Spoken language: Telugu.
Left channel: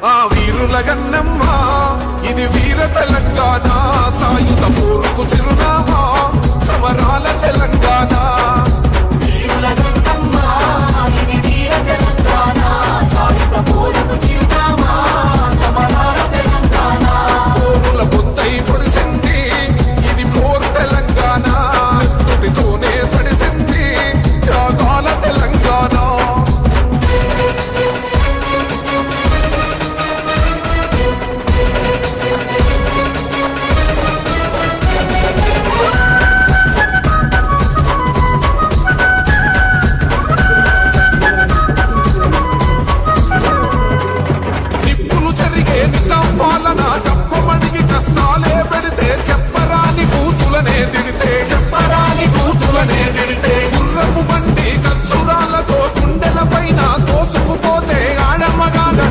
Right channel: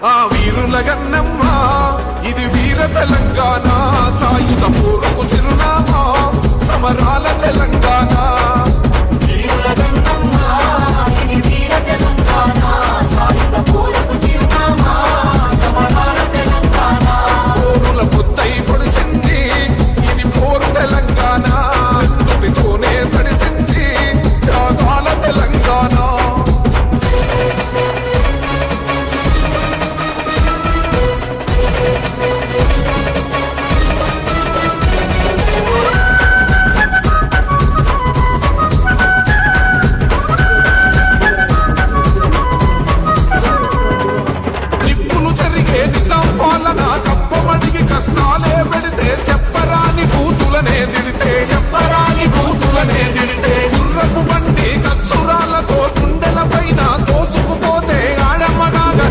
ఆ వీరుల గన్నమ్మ ఇది వీర తెలంగాణ సాయుధ పోరుకు చిరునామా సమరాల తెలంగాణ